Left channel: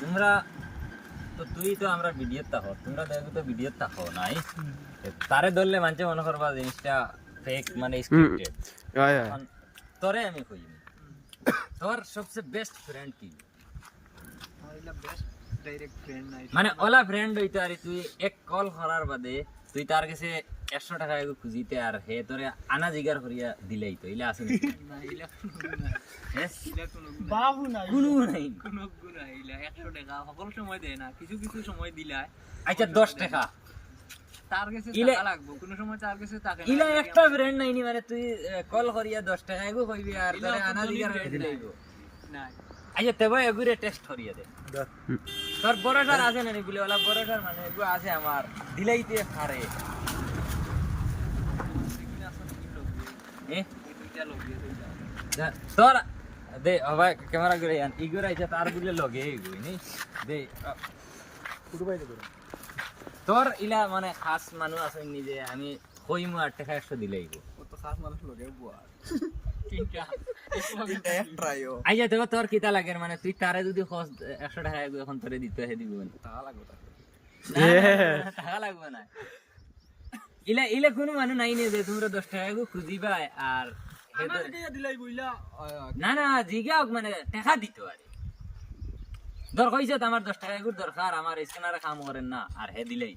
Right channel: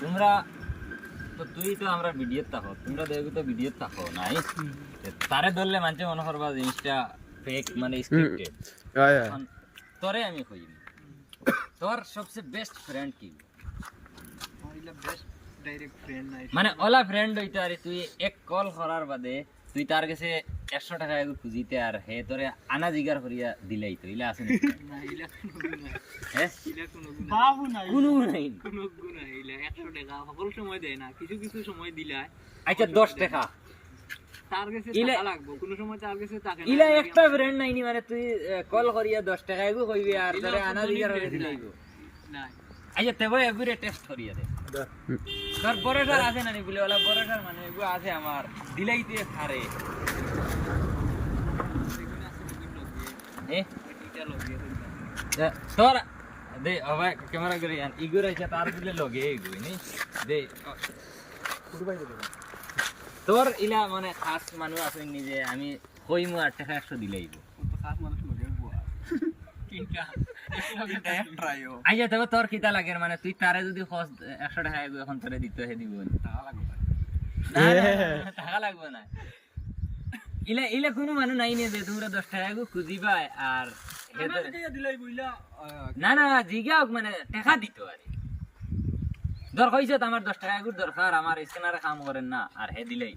তোমরা তো তুই তো আমরা ভিডিও থাকো, তোমরা দেখো তো ভিডিও থাকো নাই, তারে ধরলে মানুষ মনে করবা জিনিসটা ফেক মানে স্ক্রিপ্টেড। তোরে আমি কইনি, তোর সবচেয়ে বেস্ট ফ্রেন্ড কি? মানে ওলা ফ্রেন্ড হইতে আর তুই এক কল করার বাদে তুই তার কাছে 100 টাকা এগু খুঁজিতে আর হে তোরে আনা জিগার করিয়া দিলেই তো ইলা আছে না? বাবু নাই কোনো নাই, কোনো গুণ নাই। 100 টাকা সকল সময় দেয় না, কিছু কিছু সময় দিলায়। আচ্ছা 10 টাকা তার কাছে ইলা- টাকা লাগবে, কোনো সময় তার কাছে টাকা নাই। ইলা একটা ফ্রেন্ড নাইনি মানে তুই কল করিয়া 10 টাকা এগু কইবি আর তোরে আনা জিগার করিয়া দিলেই নাই। আচ্ছা তেবে এগুরে টেস্ট করিয়া দে। তোর বড়টার আছে না নি বলে ওলা বড়টার মানে এগু আছে আমার দিলেই তুই ছাড়ে তোর দে আবার ক্যামেরা করে আন ইগুর আইছা তার দিলে লগে এগুই নি দে তোর ইলা মানে খাস মানুষ আছে নি যে আমি কইমু 8 টাকা 100 দিলেই গো ও তো খাস মানুষ লগে বুয়া তিনটা ট্রাইও আইয়া তো তোর কিতা লাগে মানে তুই তারে যদি খস 100 টাকা এগু এখন তোরে দিতে হে দিব টাকা লাগবে তাকে। টাকা লাগবে না ইলা ইলা কোনো মানুষ নাই নে যে তোমরা 10 টাকা এগু খুঁজিবা আর হে আমার তো- টাকা দিলাই বইলা না না জিগাও মানে টাকা দিত আরে ধর কইছে তো আমার 10 টাকা এগুর দরকার আমার স্ক্যানারে কাম করেন না আর হে দিলেই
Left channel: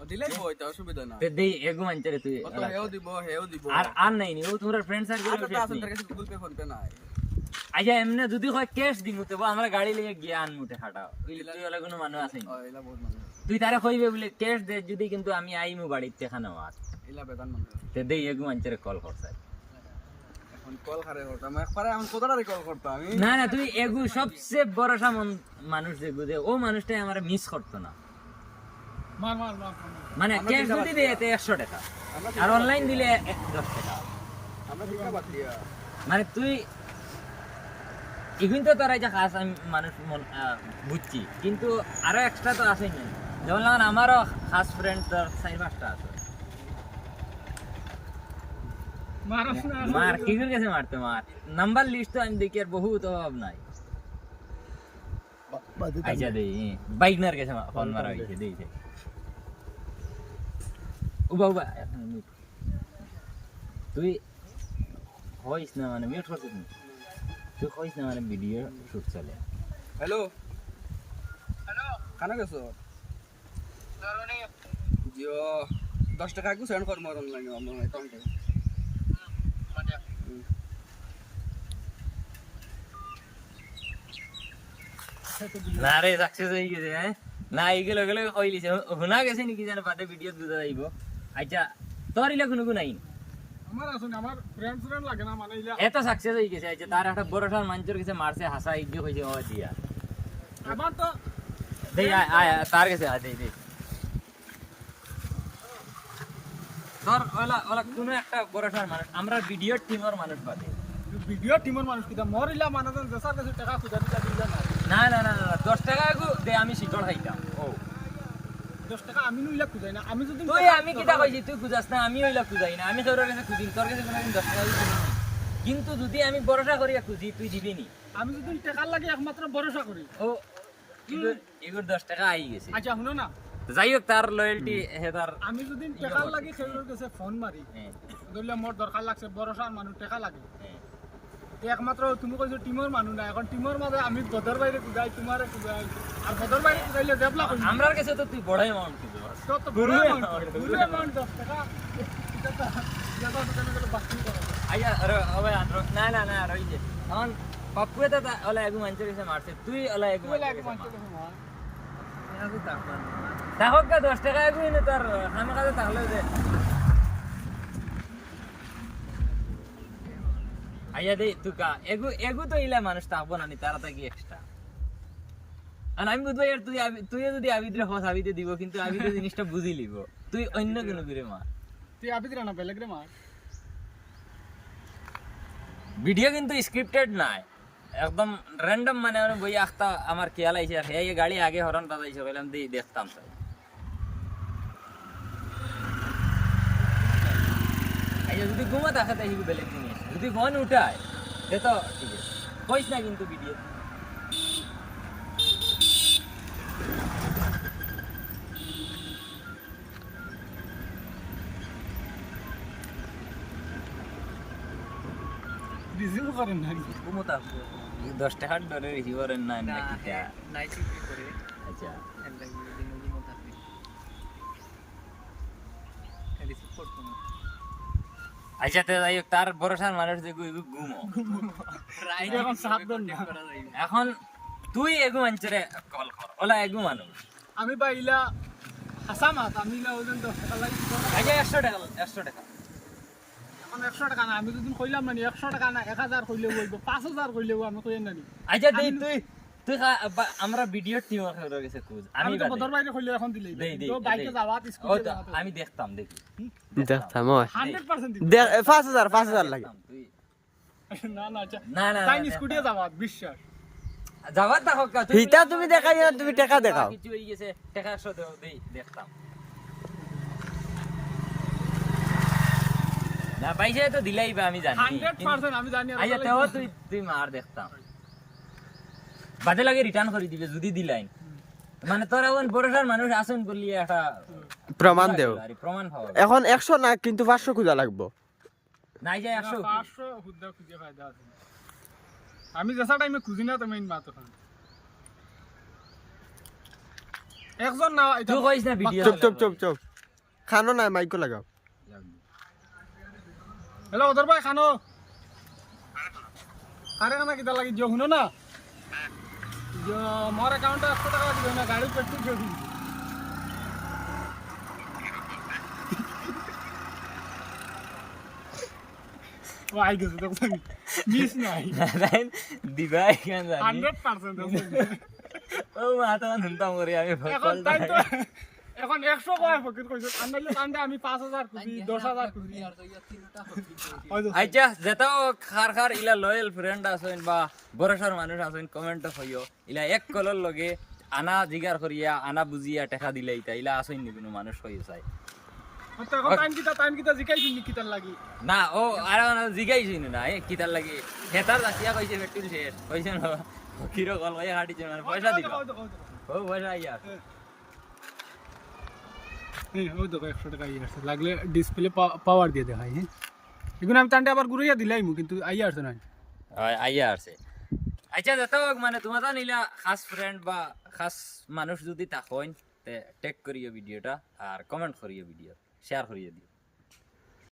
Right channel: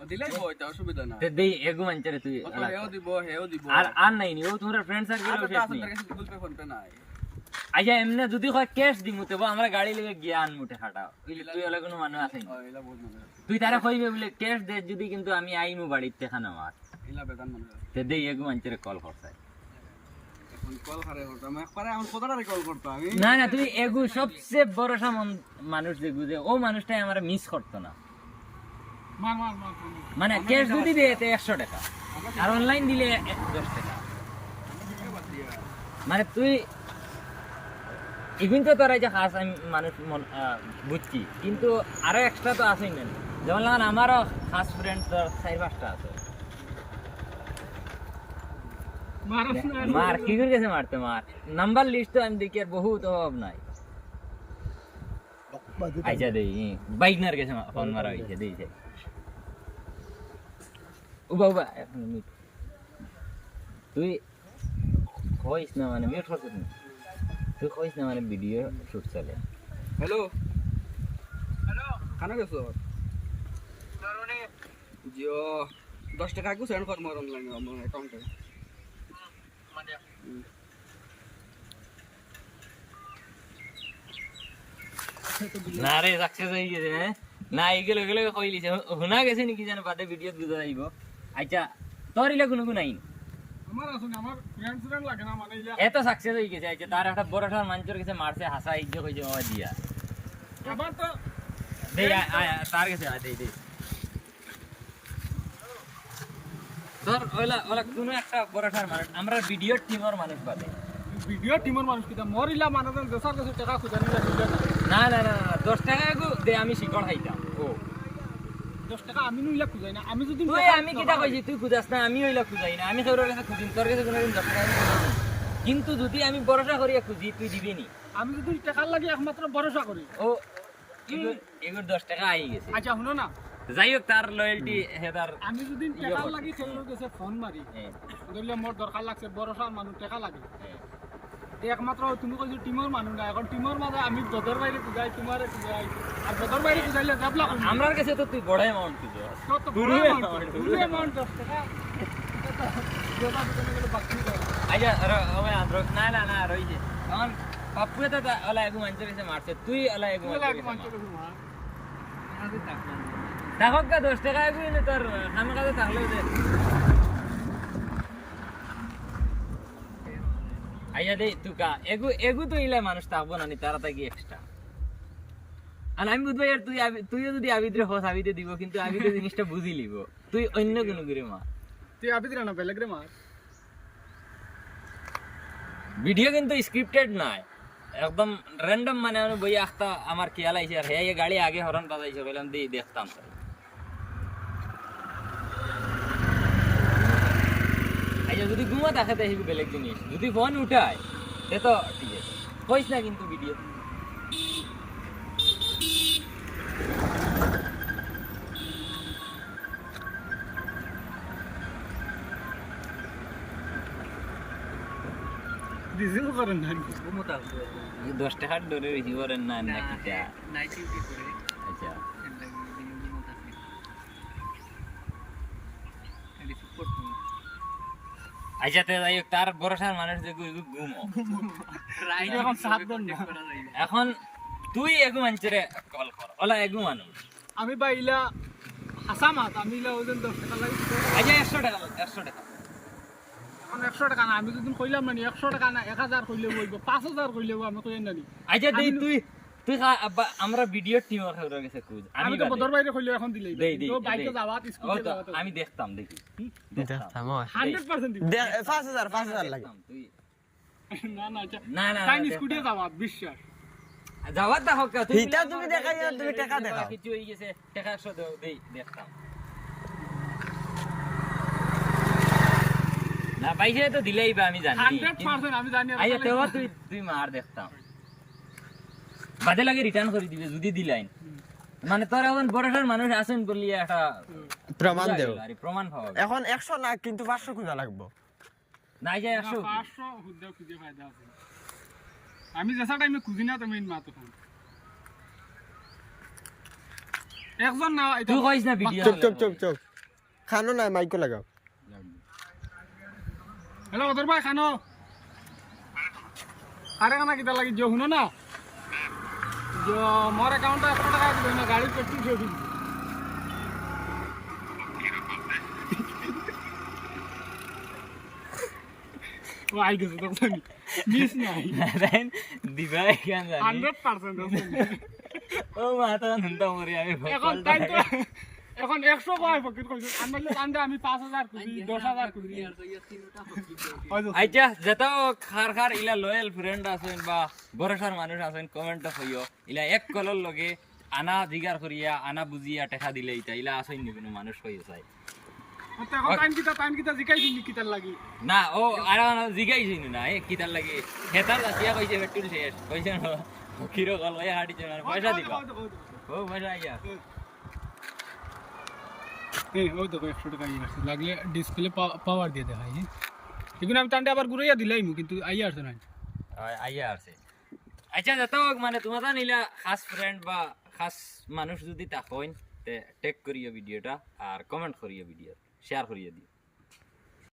ও দিলাই বই তা অসুবিধা না। তে দেই এগু মানচারে তুই ও তো হেও দিব হেও দিব। আর নাই নি ও তোমরা ফ্রেন্ড আর সার্কেল তো আছে তার কাছে গুগল পে ফোন পে নাই। আচ্ছা এমনি যদি হয় ক্যাশ দিমু তো আমরা গাড়ি লিয়ে গিয়ে আনমুটে হাঁটাও তুই হলে কোনো মানুষ আছে ও এলা বহুত মানুষ আছে। তুই তারা কইবে বলে ক্যাশ দে যদি কিন্তু আমি আইমু বাড়িতে খানা মার এলা বেগান মানুষ আছে। তে দেই এগু মানচারে কল করছাই এখন কল খারে করতাম একবারে আমার কতটারে কল করতাম আমি। না না তুই এগু সবচেয়ে ভরসা মানুষ যেগু যে ও মানুষটাই আমার মিস করতো না মার মার মার মানে ক্যাশ যদি দিয়ে 100 টাকা আর অনলাইন দিলে 10 টাকা আমরা দিকা বাদ দিয়া। মানে তুই এখন তো তোর এই যে খাস আমি মানুষ বুঝছি কিন্তু আরো এক্সট্রা তো আছেই না যেমন আমারও খাস ফ্রেন্ড তোর 4-5টা আছে মারস না মার কি করে গেছে মারতে মার নাম্বার লিস্ট তো আমি দেখি আর বহুত অভাব নাই আচ্ছা দেই বাইক নার গেছে ফোন মারা হয়েছে দিয়েছে ও বাবা এখন mute। তুই কইস না মানে মিউট করছিস না তুই কইস না মানে ভিডিও শুট চলে হ্যালো হ্যালো কানা গেছো দারুনি জিও 10 টাকা কো সেন্ড কর মোর অনলাইনে আমার অ্যাকাউন্টে মানে না রে সাকসেস হয়ে গেছে না এইগুলো এগুলো কইলিছে হুনা গেছে নাকি জানে বাদে ভিডিও দুদা যাইব আচ্ছা তোর ইলে কোনো নাই আমার আসলে আমার ফ্রেন্ড লাগে না মানে ইলা এত সাকসেস হয়ে গেছে আচ্ছা তার একটা বড়টার মাঞ্চুর কাছে মারছে হাসা ইজ্জত কইছে ও দিয়া আবার তো দেই আয় তার কাছে আয় দেই দেই তোর ওলা ওলা কোনো একটা বড়টার মানুষ আমরা ভিডিও টিমের মানুষ বাদে ভিডিও টিমের মানুষ কিটা মোর ইলা মানে দেশার কাছে টাকা খুঁজে নিলে দিলে না না না না না 10 টাকা দে আমি শিকড় খাইতাম ও 10 টাকা আমি নিলে খুঁজাই না আমি যদি তুই আমি কিটা কইছি তুই খুঁজাস না আমি ওইলা খুঁজাই না আমি তোর কাছে খুঁজিম তোর কাছে কোনোদিন 10 টাকা দিতে না কিন্তু যদি আমি ভরসা করিয়া খুঁজি তুই দিবি নি আমি যদি টাকার লাগে একমাত্র ভরসা করি ও এগুর 10 টাকা আই গেছে আচ্ছা শুনো না যাই হোক তার লয়্যালটি হে তার আমি যদি টাকার লাগি সেগুলোর কাছে ফোন মারি হ্যাঁ, ধরলে মোর দরকার লাগছে ভরসার মানুষ টাকা লাগে হ্যাঁ। একমাত্র তুমি কইছো টিমের মানুষ না এখন টিমের মাঝে আমি দদর বাইরে খুঁজাই তোমার খুঁজাই আর দদর বাইরে খুঁজাইলে দেবলা কম আমরার কাছে তো তুই বড় অ্যামাউন্ট খুঁজো তো বড় amount 10 টাকা যেটা দোকানে গেলে বাকি করে আচ্ছা ওই না না না রই যে এখন পাপ্পু তো ওলা এগু মানছে কাছে মারছে তুই ওলা এগু লাগে মানতে গেছে না আমি তাকমান তাহক তো 10 টাকা এগু এনে তার আমি কাছে তাহলে দে আইয়া দে তুই কা এগু এগু তো ইলা মানুষ থাকবো না নি তারা থাকি এক্সট্রা আর আমি বুঝবো আর তুই যদি আবিদ্রে হোস আবিদে দিব কিন্তু আবিদে জিনিসটা বুঝি লিব তুই অন্য কোনো করে মার তুই আবি দিরা না বেলেগ রে মার ভিডিও কিন্তু স্ক্রিপ্টেড নাই একদম র্যান্ডম মানে আমি বই আখতা আমার খেয়াল আইছে আর হে গাড়ি আগে হরন বাজাইছে বললাম দেই দেখতাম আচ্ছা যদি ঘুমা দেখাতে হিগু বেলেগ জিনিস যদি ফোন উঠায় সে তো ঠিক আছে কইস না কিন্তু ভিডিও রিসিভ করেন না ঘুমোতা 10 টাকার ডরে রিসিভ করেন না না না কিটা নাইট ডিউটি করে আচ্ছা এর লাগি দিন ঘুমোতা রিসিভ করতো না আচ্ছা তে যাই হোক, তার ভরসার মানুষ যে ঘুমো রাইট এখন সাত দেন না। এখন তুই এগু মানুষরে কল কর ওলা এগু মানুষ আমি বাইলা হাসামাত আমি ইলা ওজন 10 টাকা লাগি আচ্ছা 100 টাকা লোক 100 টাকা এখন 100 টাকা না আমি যদি কইলাম মানে 100 টাকা না 1000 কইলে হইব 5000 কইলে আমি কইেন না আচ্ছা দেই তুই তুই আমরা ভিডিও টিম খাবার গেছে কুজ আমি তো বদর বাইরে কইলে এখন দিলেই দেই দেই তো বাইকে যাওয়াত ও স্কুলে তো যাওয়াত আমি দেখতাম দেখি দেখতাম ওই 100% দিবি 5000 লাগে দেখতাম, তুই না না আচ্ছা না না তাই স্কুলে যাওয়াত বিশ্বাস যাওয়ার দেখো হিতা তুমি দেখাই না, তুমি টাকা দেখাও। কিছু হয়ে গেছে টাকা 100 দাও দেই দেখতাম না পাইছে তো দিলাই বা আমি জানি 100% আমি জানি আর আচ্ছা তেও তুই তুই মার দেখতাম বাদে লাগে রিটার্ন করে দিবে যদি দিলাইন মানে তোর এখন বড়সড় মানুষ আছেন বলি একটা প্রমাণ দেও। আরে প্রমাণ পাওয়া এখন 100 না কিন্তু 500 খুঁজা লাগবো। নাই যায় 100 500 হুদ্দা খুঁজে ফায়দা আছে আমি যেসা টাইমে খুঁজি না তুমি মা তো খান একজন না এটা তুই কইস না ভিডিও চুপ চুপ চুপ চুপ, খানো না মাইকো লাগাও। হ্যালো ওদের ভাই খানো আরে খানা কিটা লাগি যে শুনো না যে মোর অ্যাকাউন্টে 100 টাকা দিও না গাড়ি পেট্রোল দিয়ে দিই ও আই গেছে তো মিস নাই দিবা কেন জানি 100% আছে ও মাথা নুনতা মরে আমি এখন টাইম তো এখন 100 কয় পকেট কইছো আন্দাজে আন্দাজে আমি 5000 খুঁজি 10000 খুঁজি আর তো ইয়া তিনটা হকি আচ্ছা যেটা খার খার ইলা লয়াল ফ্রেন্ড আছেন বা বড়সার মানুষ আছেন কমেন্ট হইও ইলা এক কলর লগে আনা জিগার করিয়া আনা বুঝিয়া টাকা দিলে ইতা ইলা আছেন নি কোনো মানুষ হইও চাই তো এখন টাইম কিটা জিকাই দিলি কিটার লাগি না ও আর জিগাইছিন না এ কিতার লাগে হেতার কিয়া কইছে পেট্রোল শেষ কইছে না কিরো কল কইয়া হাঁটিছে মানে পয়সা দিবা ও পয়সা আইয়া ওই দেখো 100 টাকা ইয়ে আছে লাগলে ডিসপ্লে পাওয়ার দিয়ে দেখাই এগুলো আমি টানতে আবার ঘুরাইয়া দিলাই কিন্তু আইয়া আসছে না আইয়া আছে আচ্ছা যেটা মানে তোমার তো নিলা খাস ফ্রেন্ড বা খাস মানুষ যদি তাকইন তে টেক করিও ভিডিওটা আর কমেন্ট করিও ভিডিও শেয়ার করিয়ে দিও